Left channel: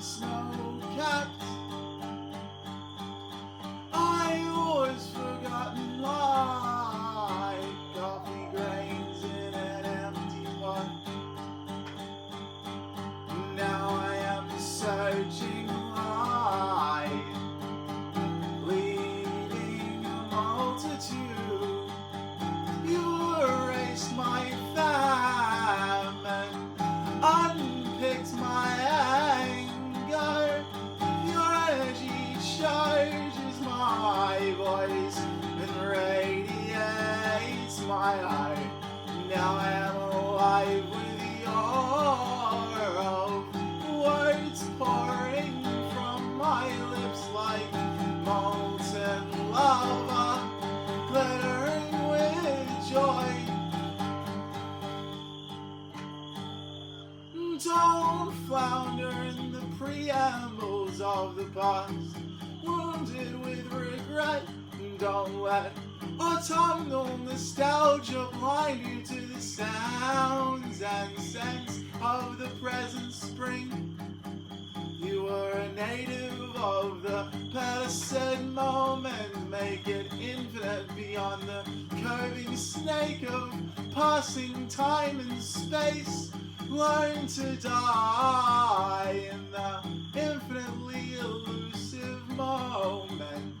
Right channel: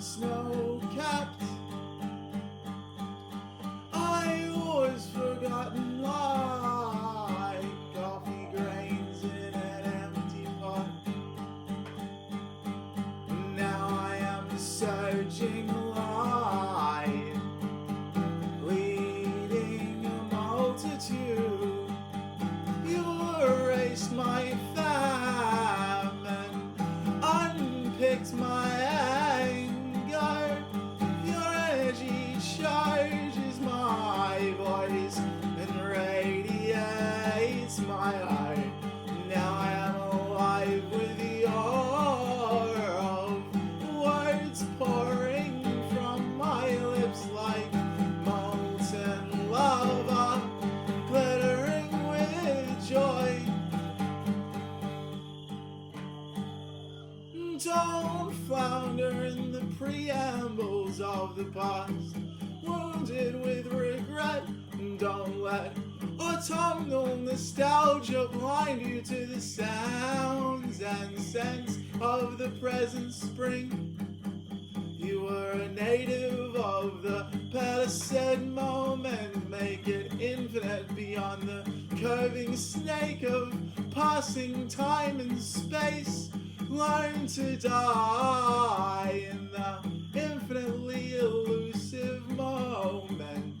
snow-capped. I was forgotten like coffee grains in an empty pot. Now I am searching light, leading a multitude. You erased my famine, unpicked my anger. Your energy charges my voice and radiates my heart. Now I am alive with the aura of words pouring from my lips like molten lava, glittering with joy. Don't flounder in the preambles of the past, wounded with regret. Don't let autumnal nostalgia blind you to the sounds and scents of the present spring. You were a native of the Pellucid moment. Make it infinite beyond the curving snake of passing time and space. Learn to die in the infinitely elusive moment.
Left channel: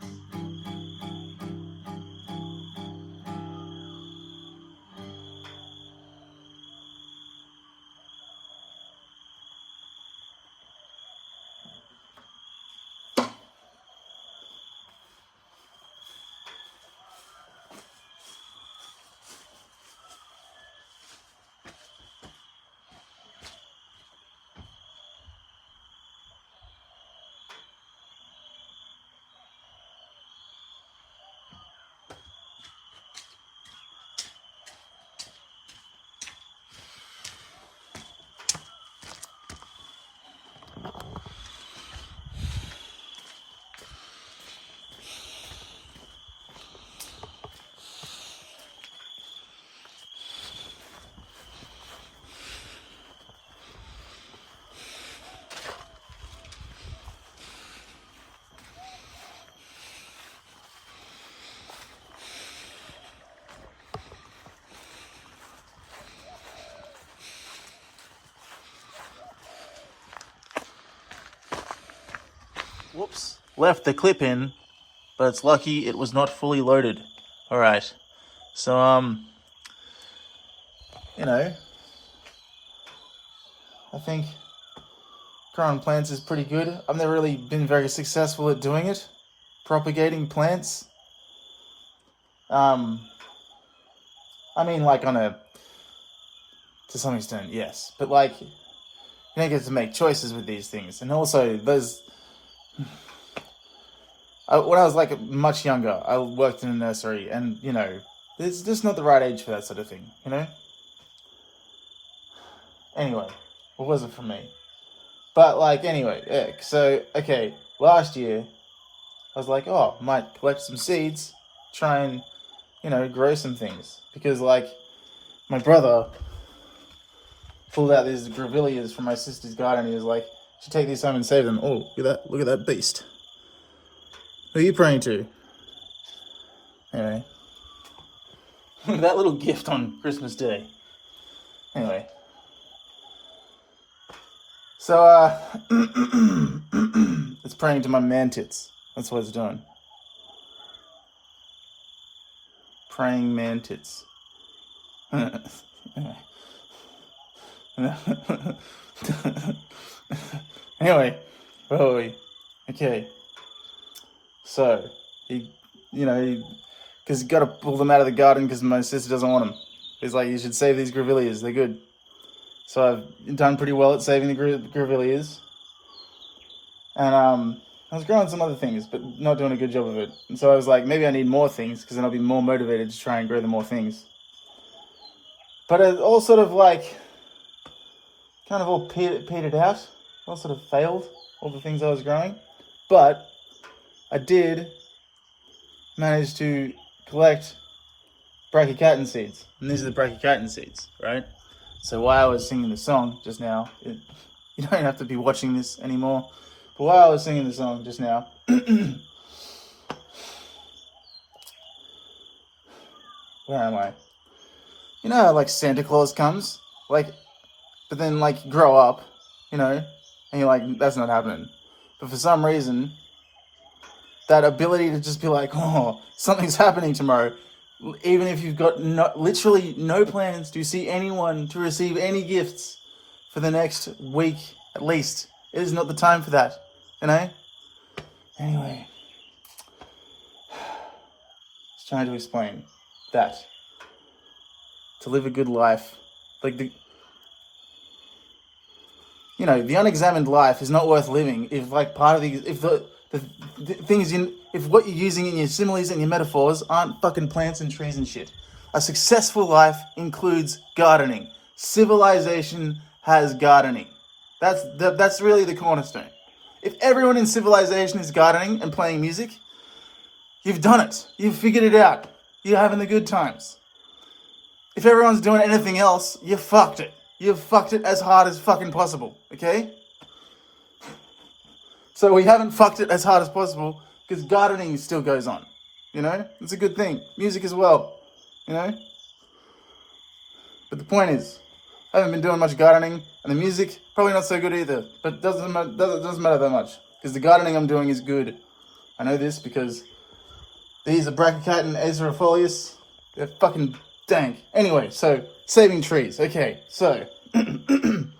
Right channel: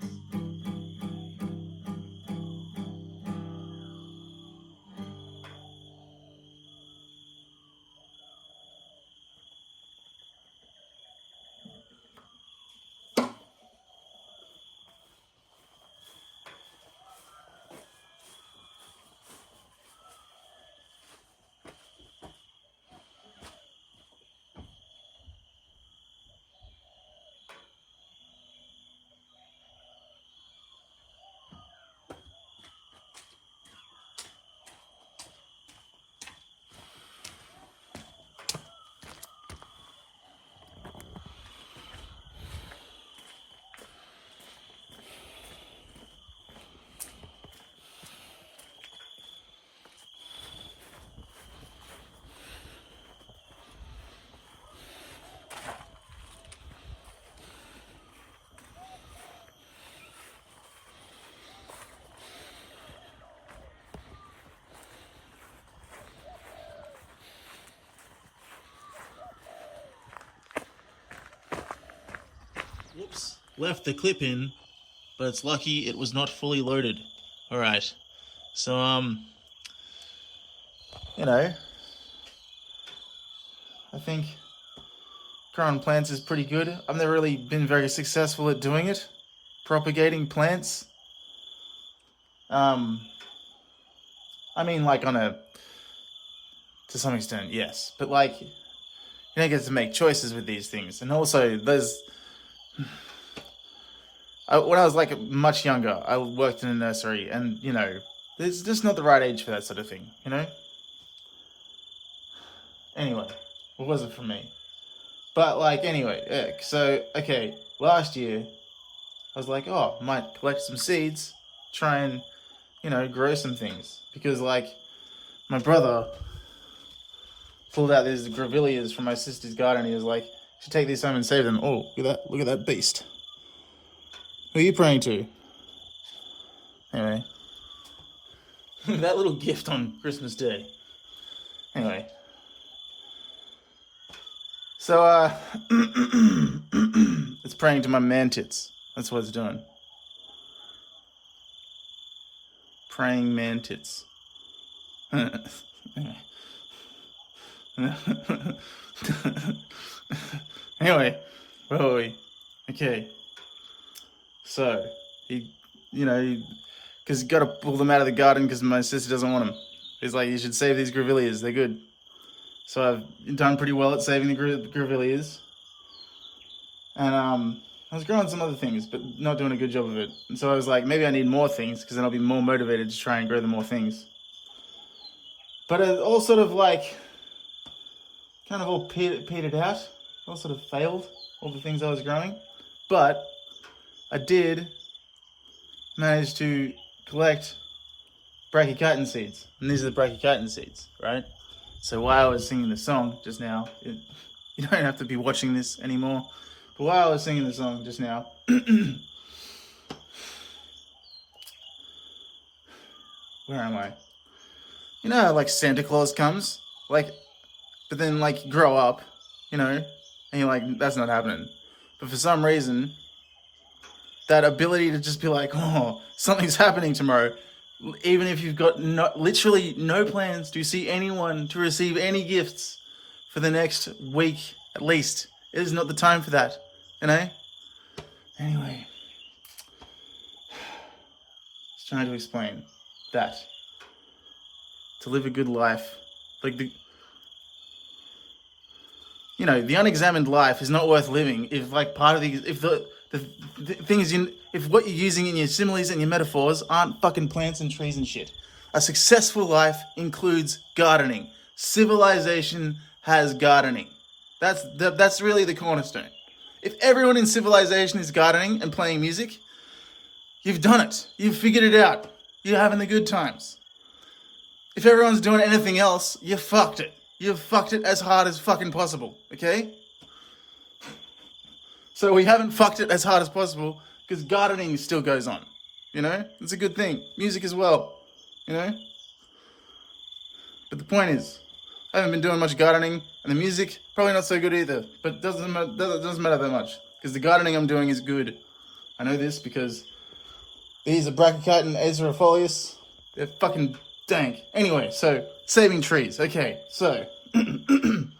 Whoops, left the clip in, but it's lucky it was not fully loaded. Alright, so, I think growing plants is pretty good. I've never really been very successful at doing it, propagating plants. I mean, like to some extent, yes, but like, you don't get to make choices with these things. And also, when I was like much younger, I worked in a nursery, and it's just not the right age for that sort of thing, Anyway, what was it from me? But last year, I was like, oh, might collect some seeds, try and, grow some things. Because my brother pulled out these grevilleas from my sister's garden, and he was like, should take these home and save them. Oh, look at that beast. Who are you praying to? Anyway. That little gift on Christmas Day. Anyway. So, it's praying to my man-tits. That's what it's doing. Praying man-tits. Anyway, where were we? Okay. So, because you got to pull them out of the garden because my sister doesn't want them. He's like, you should save these grevilleas, they're good. So I've done pretty well at saving the grevilleas. And I was growing some other things, but not doing a good job of it. And so I was like, maybe I need more things, because then I'll be more motivated to try and grow the more things. But it all sort of kind of all petered out. All sort of failed, all the things I was growing. But I did manage to collect brachychiton seeds. And these are the brachychiton seeds, right? So while I was singing the song just now, You don't have to be watching this anymore. But while I was singing the song just now, where am I? You know how, like, Santa Claus comes? Like, but then, like, you grow up, you know, and you're like, that's not happening. But for some reason, that ability to just be like, oh, something's happening tomorrow, even if you've got literally no plans to see anyone, to receive any gifts for the next week at least. It is not the time for that, you know? Anyway, I was trying to explain that to live a good life, like the unexamined life is not worth living if, like, part of the things if what you're using in your similes and your metaphors aren't fucking plants and trees and shit. A successful life includes gardening. Civilization has gardening. That's really the cornerstone. If everyone in civilization is gardening and playing music, you've done it. You've figured it out. You're having the good times. If everyone's doing anything else, you fucked it. You've fucked it as hard as fucking possible, okay? So we haven't fucked it as hard as possible because gardening still goes on, you know? It's a good thing. Music as well, you know? But the point is, I haven't been doing much gardening, and the music, probably not so good either, but it doesn't matter that much because the gardening I'm doing is good. I know this because these are Brachychiton Ezrafolius. They're fucking dank. Anyway, so saving trees. Okay, so the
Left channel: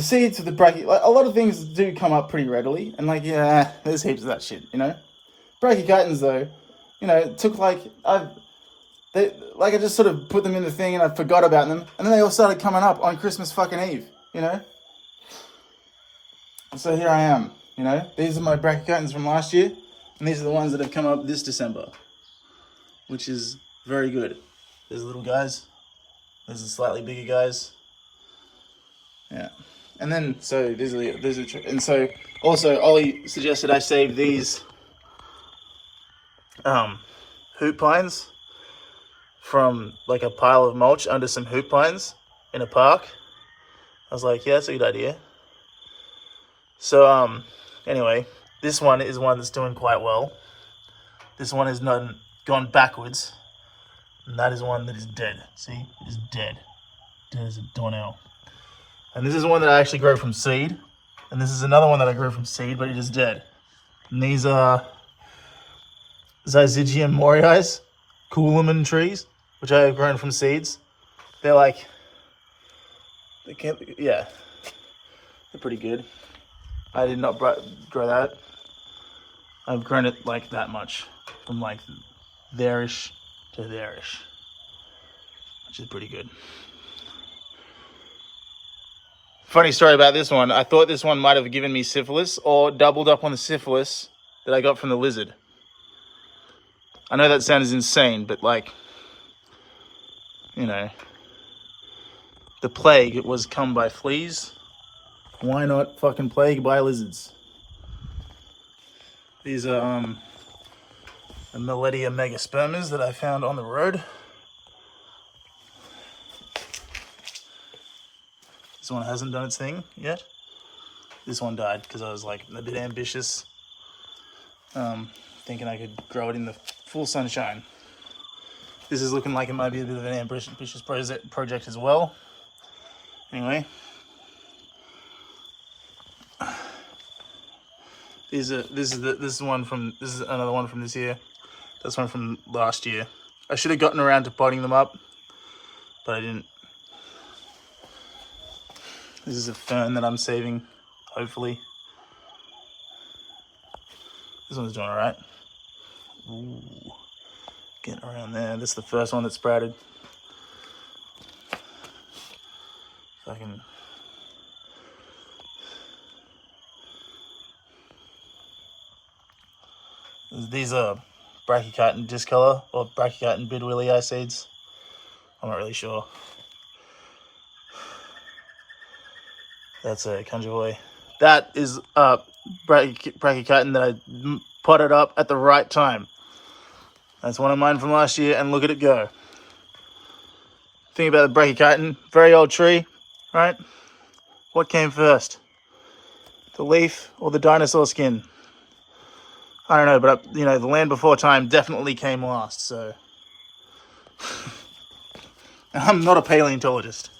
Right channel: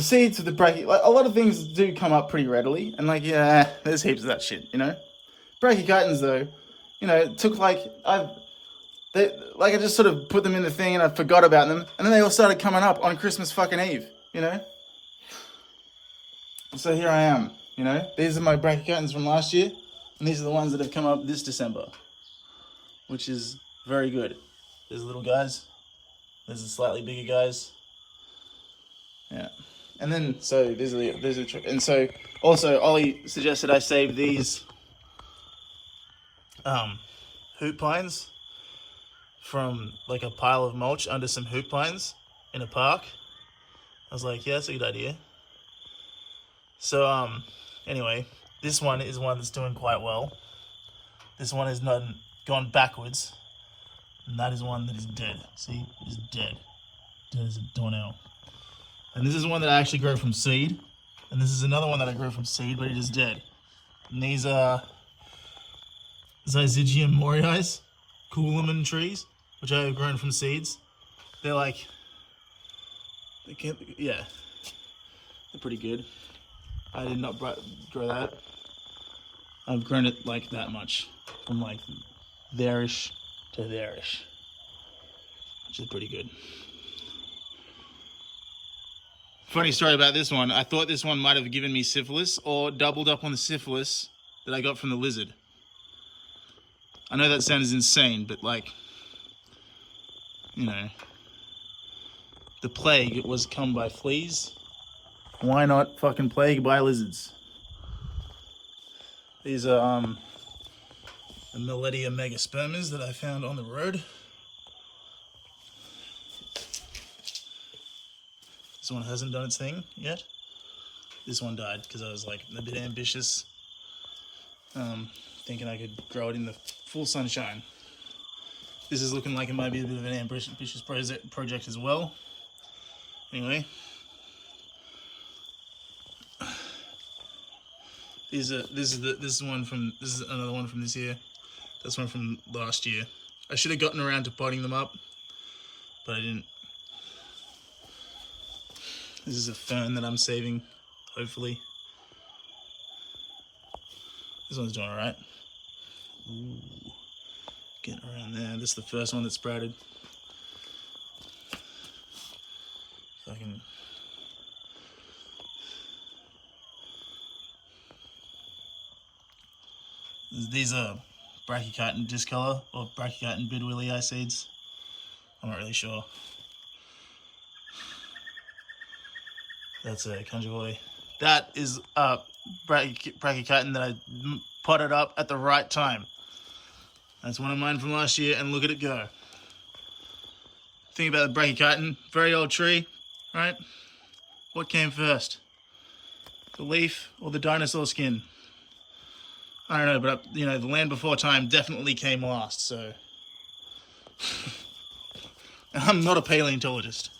seeds of the a lot of things do come up pretty readily, and, like, yeah, there's heaps of that shit, you know. Brachychitons, though, you know, it took I just sort of put them in the thing and I forgot about them, and then they all started coming up on Christmas fucking Eve, you know. So here I am, you know. These are my Brachychitons from last year, and these are the ones that have come up this December, which is very good. There's the little guys. There's the slightly bigger guys. Yeah. And then, so and so also Ollie suggested I save these hoop pines from, like, a pile of mulch under some hoop pines in a park. I was like, yeah, that's a good idea. So anyway, this one is one that's doing quite well. This one has not gone backwards, and that is one that is dead. See, it is dead. Dead as a doornail. And this is one that I actually grow from seed. And this is another one that I grew from seed, but it is dead. And these are Zyzigium moriais, coolaman trees, which I have grown from seeds. They're like, they're pretty good. I did not grow that. I've grown it like that much, from like there-ish to there-ish, which is pretty good. Funny story about this one. I thought this one might have given me syphilis or doubled up on the syphilis that I got from the lizard. I know that sounds insane, but, like, you know, the plague was come by fleas. Why not fucking plague by lizards? These are the Millettia megaspermas that I found on the road. This one hasn't done its thing yet. This one died because I was, like, a bit ambitious, thinking I could grow it in the full sunshine. This is looking like it might be a bit of an ambitious project as well. Anyway, this is another one from this year. That's one from last year. I should have gotten around to potting them up, but I didn't. This is a fern that I'm saving, hopefully. This one's doing all right. Ooh, getting around there. This is the first one that sprouted. Fucking. These are Brachychiton discolor or Brachychiton bidwillii seeds. I'm not really sure. That's a Conjoy. That is Brachychiton that I potted up at the right time. That's one of mine from last year, and look at it go. Thing about the Brachychiton, very old tree. right? What came first? The leaf or the dinosaur skin? I don't know, but you know, the land before time definitely came last, so. I'm not a paleontologist.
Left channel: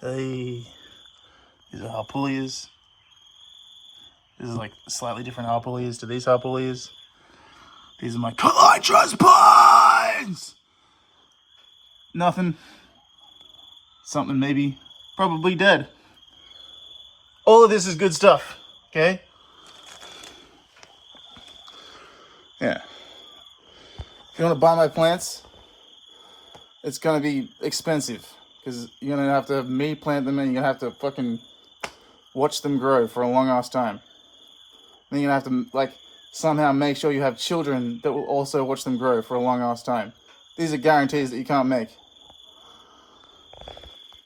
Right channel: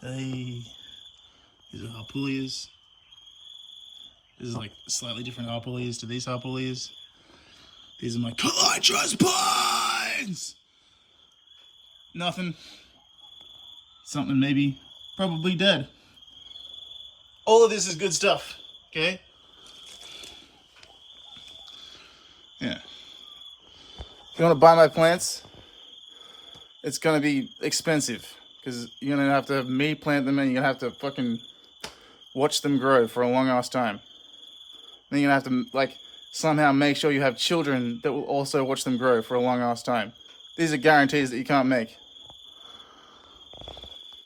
Hey, these are harpalias. This is like slightly different harpalias to these harpalias. These are my colitrus pines! Nothing. Something maybe. Probably dead. All of this is good stuff, okay? Yeah. If you want to buy my plants, it's going to be expensive. Because you're going to have to have me plant them and you're going to have to fucking watch them grow for a long ass time. Then you're going to have to, like, somehow make sure you have children that will also watch them grow for a long ass time. These are guarantees that you can't make.